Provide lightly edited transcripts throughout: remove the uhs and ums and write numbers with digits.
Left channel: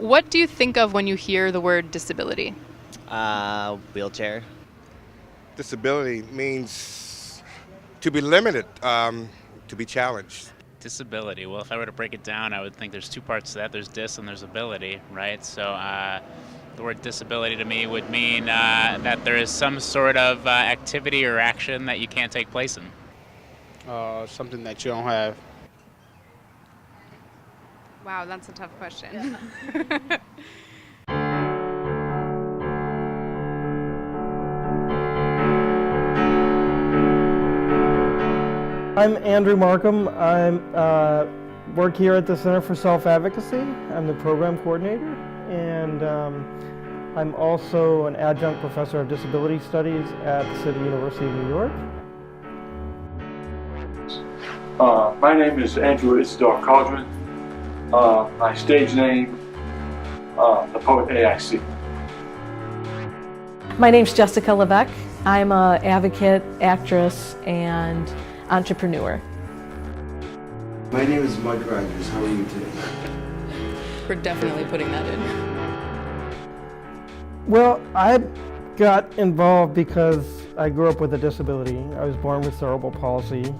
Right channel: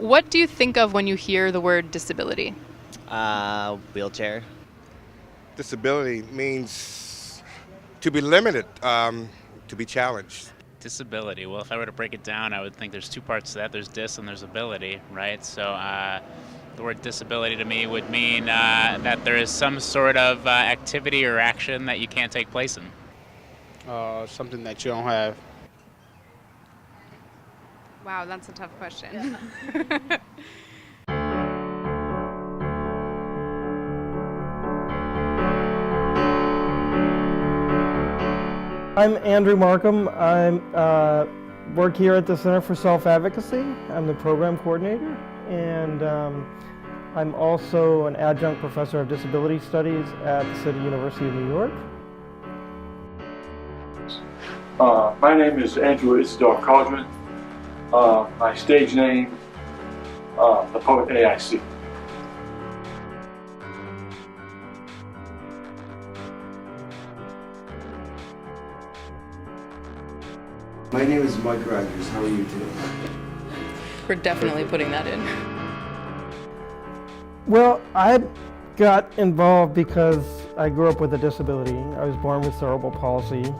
What do you think of when you hear the word disability? Wheelchair. Disability means to be limited, to be challenged. Disability. Well, if I were to break it down, I would think there's two parts to that. There's dis and there's ability, right? So the word disability to me would mean that there is some sort of activity or action that you can't take place in. Something that you don't have. Wow, that's a tough question. I'm Andrew Markham. I work here at the Center for Self-Advocacy. I'm the program coordinator, and I'm also an adjunct professor of disability studies at the City University of New York. My name is Andrew Isidore Cauldron. My stage name, the poet AIC. My name's Jessica Levesque. I'm an advocate, actress, and entrepreneur. My name is Mike Rogers. How are you today? We're definitely putting that in. Well, I got involved because I grew up with a disability. I was born with cerebral palsy,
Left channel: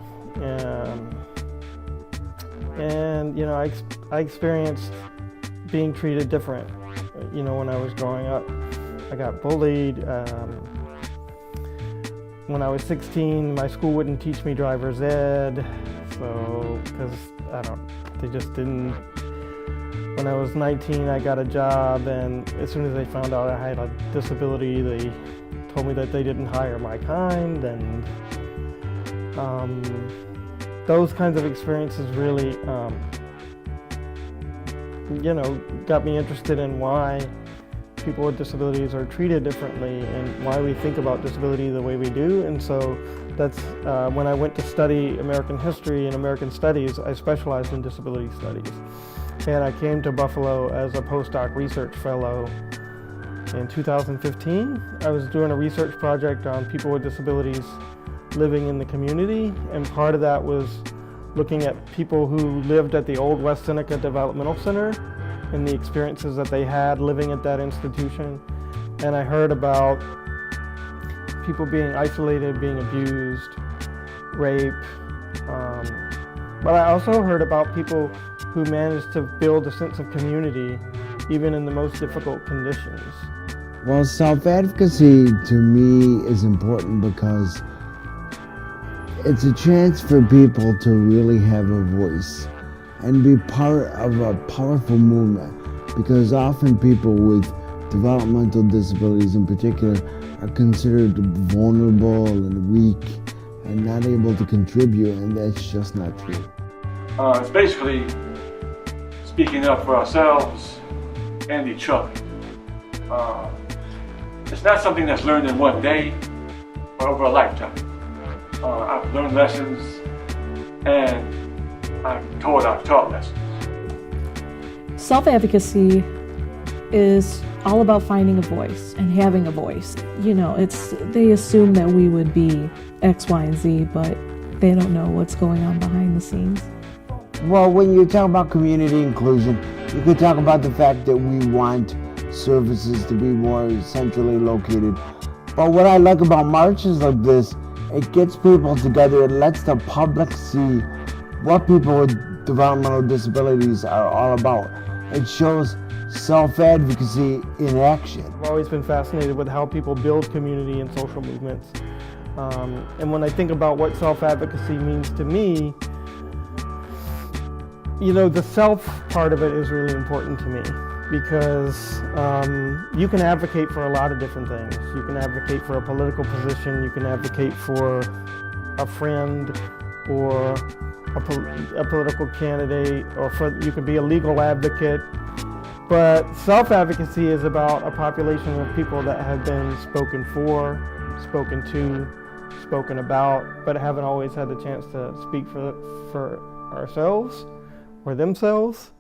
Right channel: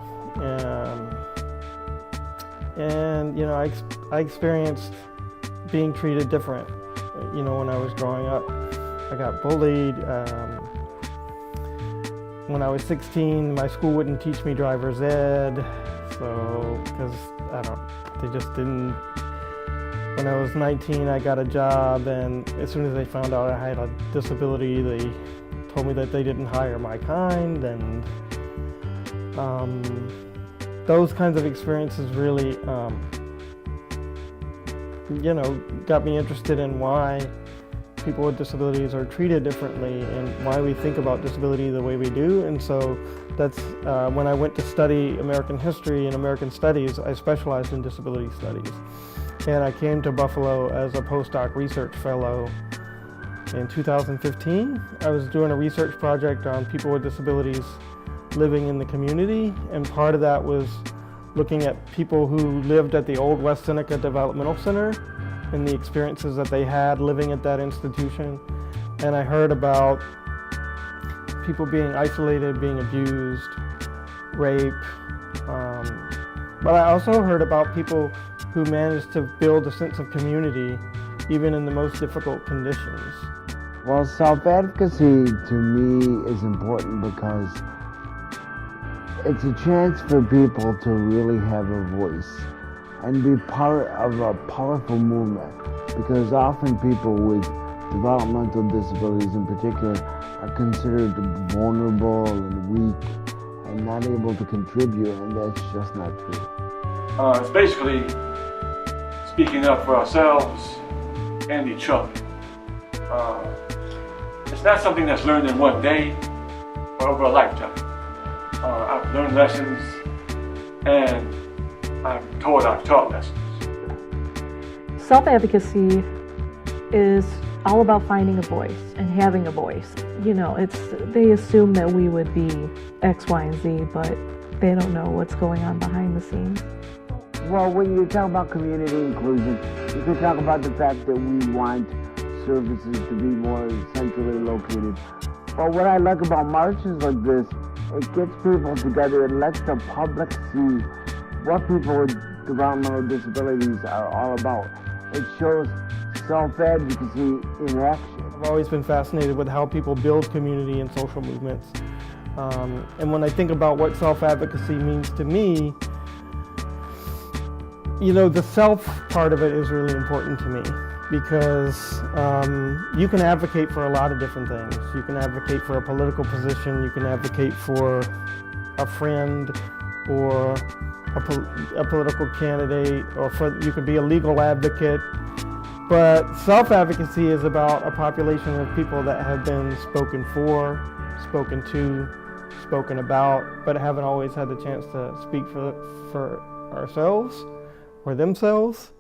and you know, I experienced being treated different. You know, when I was growing up, I got bullied. When I was 16, my school wouldn't teach me driver's ed, so because they just didn't. When I was 19, I got a job, and as soon as they found out I had a disability, they told me that they didn't hire my kind, and those kinds of experiences really, you know, got me interested in why people with disabilities are treated differently and why we think about disability the way we do. And so that's when I went to study American history and American studies, I specialized in disability studies. And I came to Buffalo as a postdoc research fellow in 2015. I was doing a research project on people with disabilities living in the community, and part of that was looking at people who lived at the old West Seneca Developmental Center and the experiences that they had living at that institution. And I heard about people being isolated, being abused, rape, but I also heard about people who managed to build a sense of community even in the most difficult conditions. Well, self-advocacy to me is important because it's a chance for people to really have a voice and be part of a powerful movement, because often people with developmental disabilities in particular are considered vulnerable and weak and not able to contribute, and that's just not true. It's basically speaking up for ourselves and each other. It's not something that's learned in one day or over a lifetime. I've learned lessons, and I've taught lessons. Self-advocacy is all about finding a voice and having a voice. You know, they assume that we would be X, Y, and Z, but they don't know what's going on behind the scenes. Well, when you talk about community inclusion, you could talk about the fact that we want services to be more centrally located. But what I like about marches like this, it gets people together, it lets the public see what people with developmental disabilities are all about. It shows self-advocacy in action. I've always been fascinated with how people build community and social movements. And when I think about what self-advocacy means to me, you know, the self part of it is really important to me, because you can advocate for a lot of different things. You can advocate for a political position, you can advocate for a friend or a political candidate, or you could be a legal advocate. But self-advocacy is about a population of people that have been spoken for, spoken to, spoken about, but haven't always had the chance to speak for ourselves or themselves.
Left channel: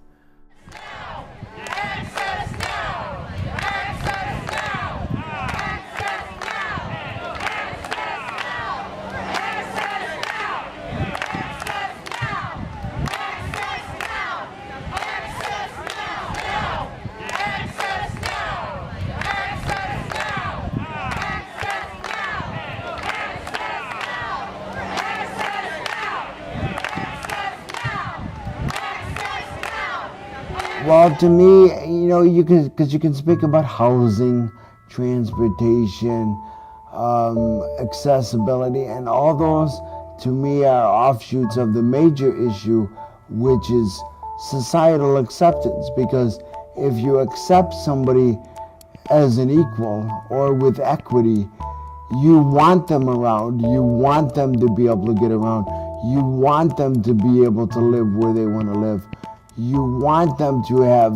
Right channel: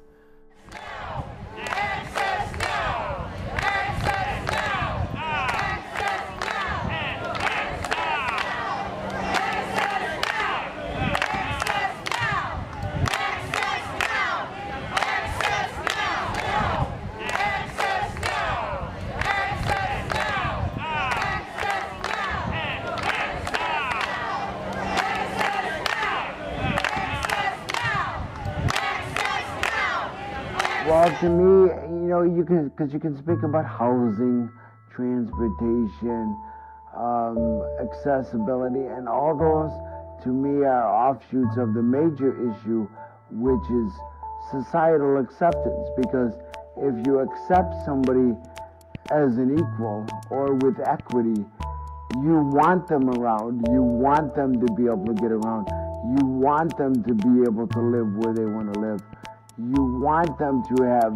Well, to me, you know, because you can speak about housing, transportation, accessibility, and all those, to me, are offshoots of the major issue, which is societal acceptance. Because if you accept somebody as an equal or with equity, you want them around, you want them to be able to get around, you want them to be able to live where they want to live, you want them to have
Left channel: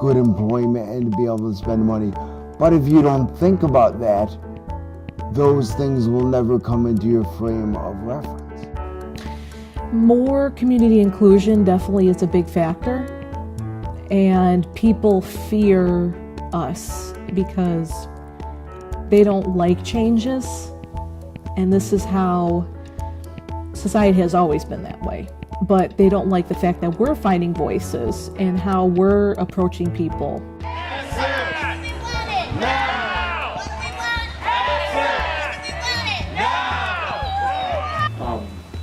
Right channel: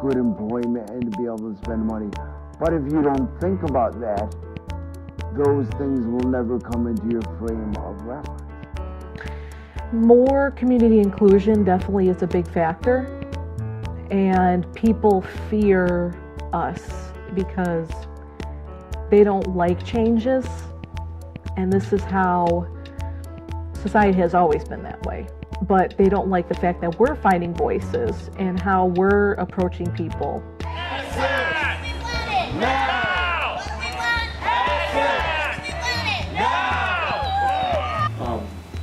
good employment and to be able to spend money. But if you don't think about that, those things will never come into your frame of reference. More community inclusion definitely is a big factor, and people fear us because they don't like changes, and this is how society has always been that way. But they don't like the fact that we're finding voices and how we're approaching people.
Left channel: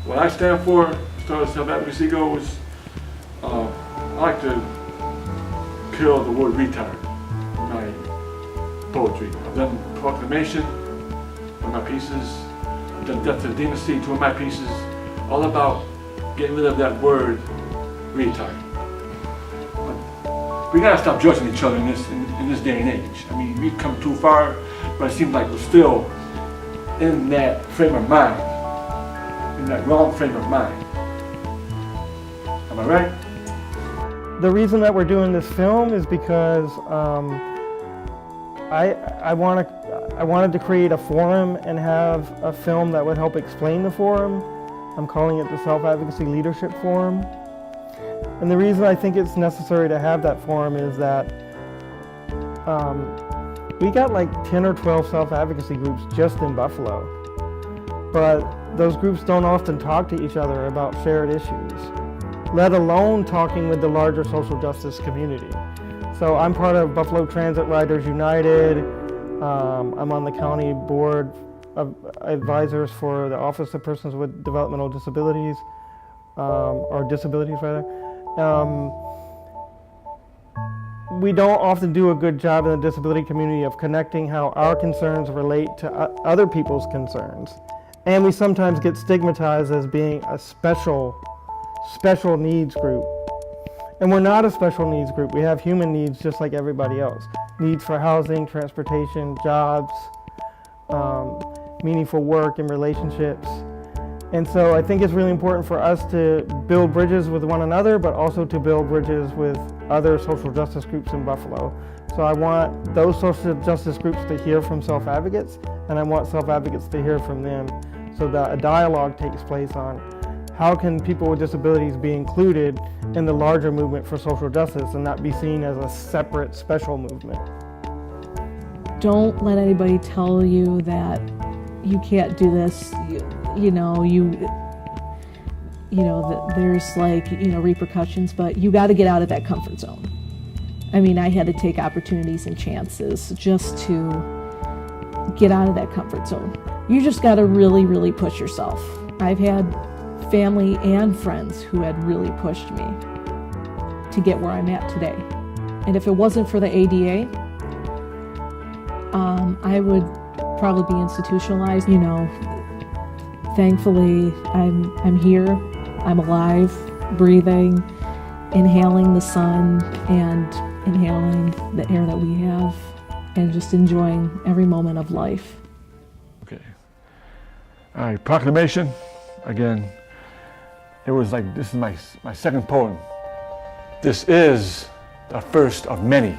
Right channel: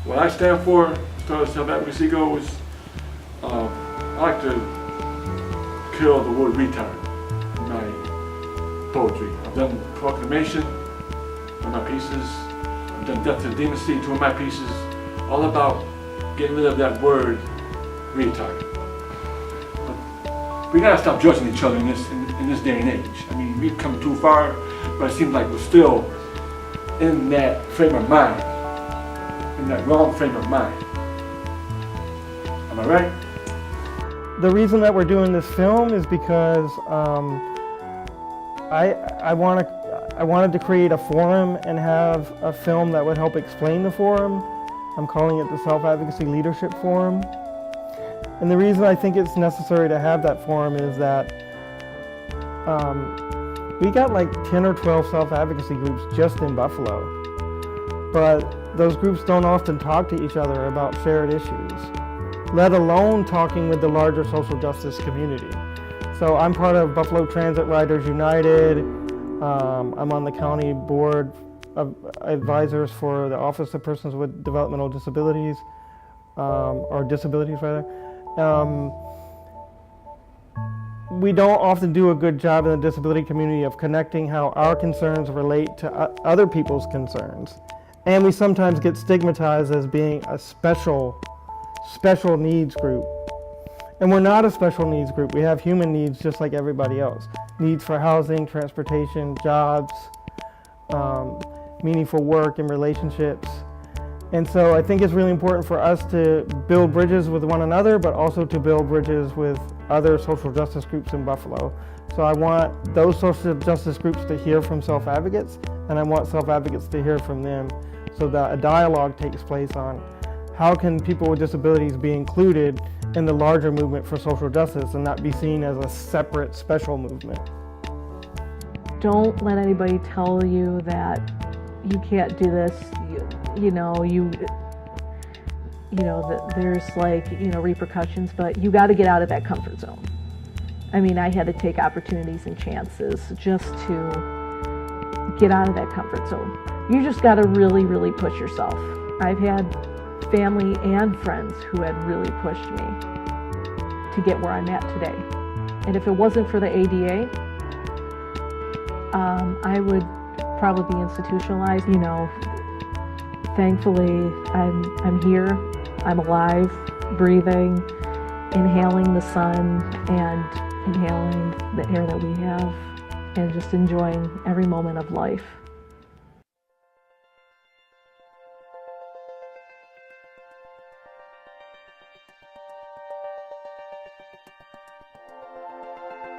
What I stand for, as far as self-advocacy goes, I like to kill the word retard in my poetry. I've done proclamation, one of my pieces. I've done death to the democracy, two of my pieces, all about getting rid of that word retard. But we gotta stop judging each other in this day and age. I mean, we've come too far, but it seems like we're still in that frame of mind. In that wrong frame of mind. Am I right? The reason that we're doing this film is because I wanted to create a forum and have a film that would help explain the forum. I'm calling it the Self-Advocacy Leadership Forum. And the reason I think it's necessary to have that forum is that we got like 10 or 12 self-advocacy groups just in Buffalo. But those groups don't often talk to each other about shared issues, let alone talking with the larger social justice community. So I'm part of Buffalo Transit Riders United. I'm on the county board of advisors for the Office of Persons with Developmental Disabilities, or disabilities rather. We don't often do a good job in the disability community of connecting how our concerns relate to other people's concerns. And we sometimes get stigmatized as being a special needs group. And we're not a special needs group. We have human needs just like everybody else. Needs for housing, transportation, jobs, meaningful work and relationships. And so I think it's really important for us to build bridges with one another, but also to build bridges with other social justice groups in Buffalo. So I want those social justice groups to hear from self-advocates, and I want self-advocates to hear from them, so that a dialogue takes place on how can people with disabilities be included in the larger movement for social justice and not be seen as a separate special movement. Don't let anybody tell you that you can't do this, that there's like, repercussions, but you got to get out of that comfort zone. I mean, I had to take opportunities and chances just to get out of that comfort zone. You just got to really, really push yourself. I've had family and friends who had really pushed me to get where I'm at today. And if it wasn't for the ADA, I would probably be institutionalized. Thankfully, I'm here, I'm alive, breathing, inhaling the sun and inhaling the air that we have, and just enjoying every moment of life. Okay. All right, proclamation. Again, it was like, this is my second poem. This is the first of many.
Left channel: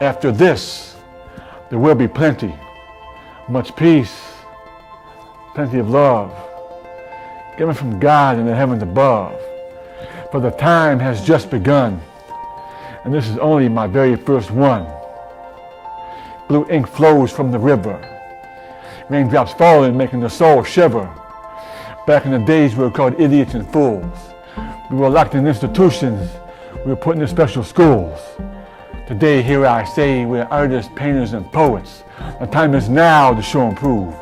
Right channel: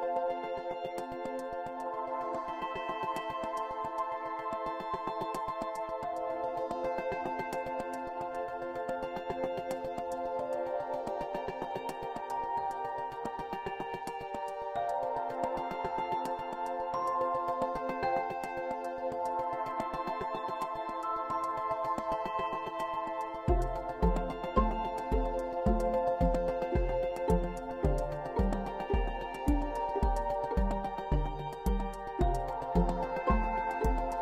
After this, there will be plenty, much peace, plenty of love, given from God in the heavens above. For the time has just begun, and this is only my very first one. Blue ink flows from the river, raindrops falling, making the soul shiver. Back in the days we were called idiots and fools. We were locked in institutions, we were put in special schools. Today, here I say, we're artists, painters, and poets. The time is now to show and prove.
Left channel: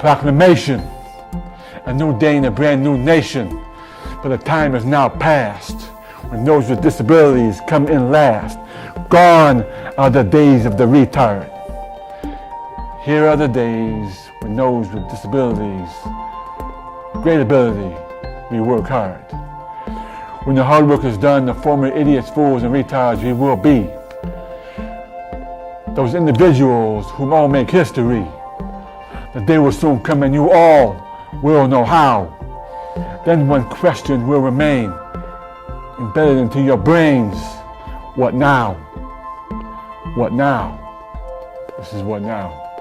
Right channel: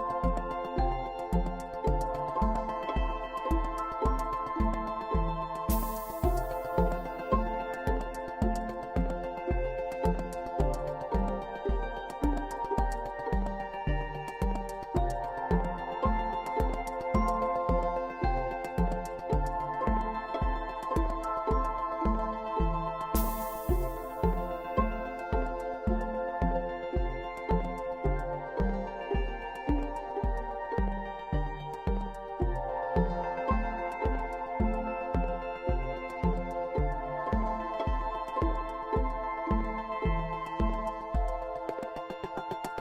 Proclamation, a new day in a brand new nation. For the time is now past. when those with disabilities come in last. Gone are the days of the retard. Here are the days when those with disabilities, great ability, we work hard. When the hard work is done, the former idiots, fools, and retards we will be. Those individuals whom all make history. The day will soon come and you all will know how. Then one question will remain, embedded into your brains. What now? What now? This is what now.